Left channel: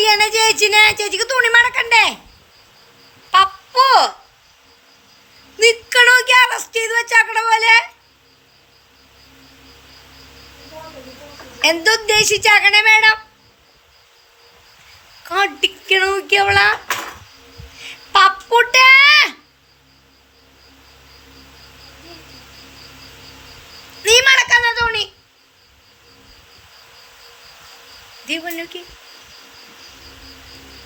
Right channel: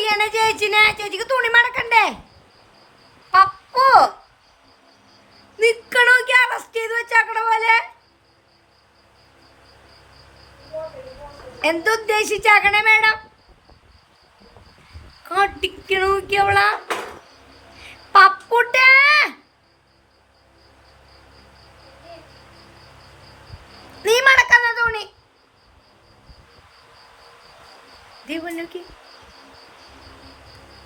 ചെയ്യണേ ചേച്ചിനെ? ചേച്ചിക്ക് തുണി മടക്കണ്ടേ? പപ്പു നിക്കണോക്കി അറസ്റ്റ് ചെയ്ത് വെച്ചാക്കണ പോലെ? എന്തുദ്ദേശിച്ചാക്കണേ മേഡം? കടിക്കണോക്കി അവളാ? പപ്പുട്ടേ! നീ മടക്കുന്ന തുണി. ദീപൻ നോക്കി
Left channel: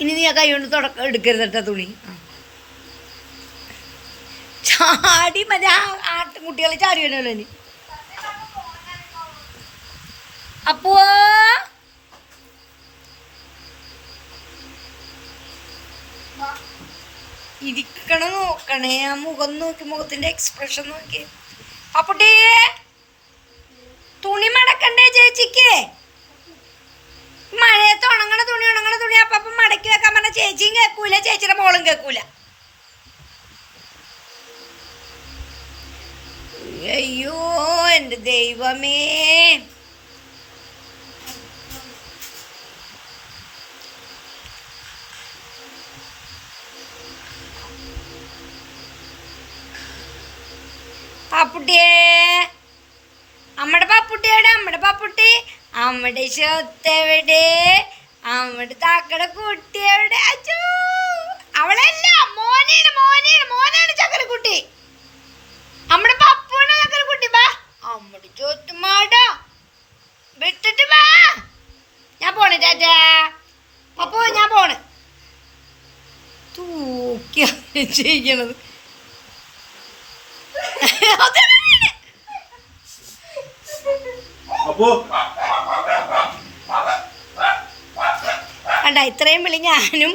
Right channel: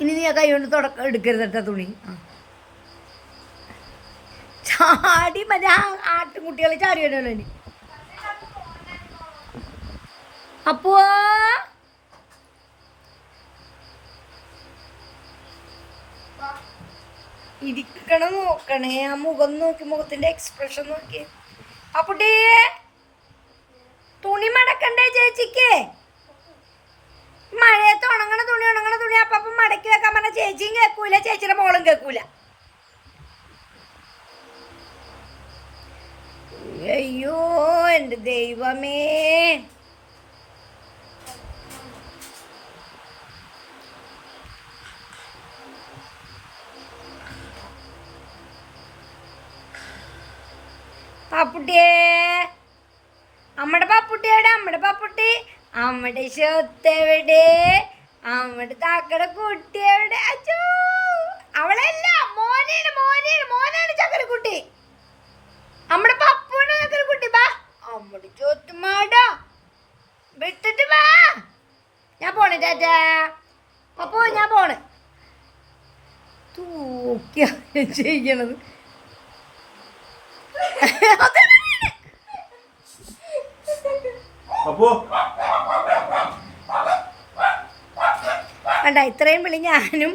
ഇനി നീ ആ കൈ കൊണ്ട് തുടക്കം എടുക്കരുത് കേട്ടോ തുണി. ചാടി മറ്റേ ആ ആട്ടുംകുട്ടികളെ ചാടി വരണല്ലോ ഇനി. അപ്പോ ഇരിക്കണ നോക്കണേ. ആ മുഖം നോക്കി മുഖത്തിന്റെ എക്സ്പ്രഷൻ നോക്കി. അപ്പുട്ടി തുണി മടക്കണ്ടേ ചേച്ചിക്ക്? ചേച്ചിയും കേൾക്കൂല ചേച്ചിയുടെ മോളും കേൾക്കൂല അയ്യോ എന്റെ ദൈവമേ. പാപ്പുട്ടിയേ. അമ്മടെ പാപ്പുട്ടിയോടെ അമ്മടെ പാപ്പുട്ടി. അമ്മടെ സ്വത്തെവിടെ അമ്മയുടെ താക്കടെ കുട്ടി എവിടെ? അച്ചോ അവളല്ല മോനെയാണ് മോനെയാണ് മോനാണ് ചക്കരക്കുട്ടി അമ്മയുടെ പപ്പുവാണ് ചക്കരക്കുട്ടി ബാ. അമ്മടെ ചോത്തുമാടാ വിട്ടിട്ട് വാ ഞാൻ പോണേ ടാറ്റാ. പപ്പു ഞാൻ പോണ്. തൂക്കിയാണ് ചെയ്യണത്. അപ്പോ കണ്ട ഇത്രയും വിളി ഞാനും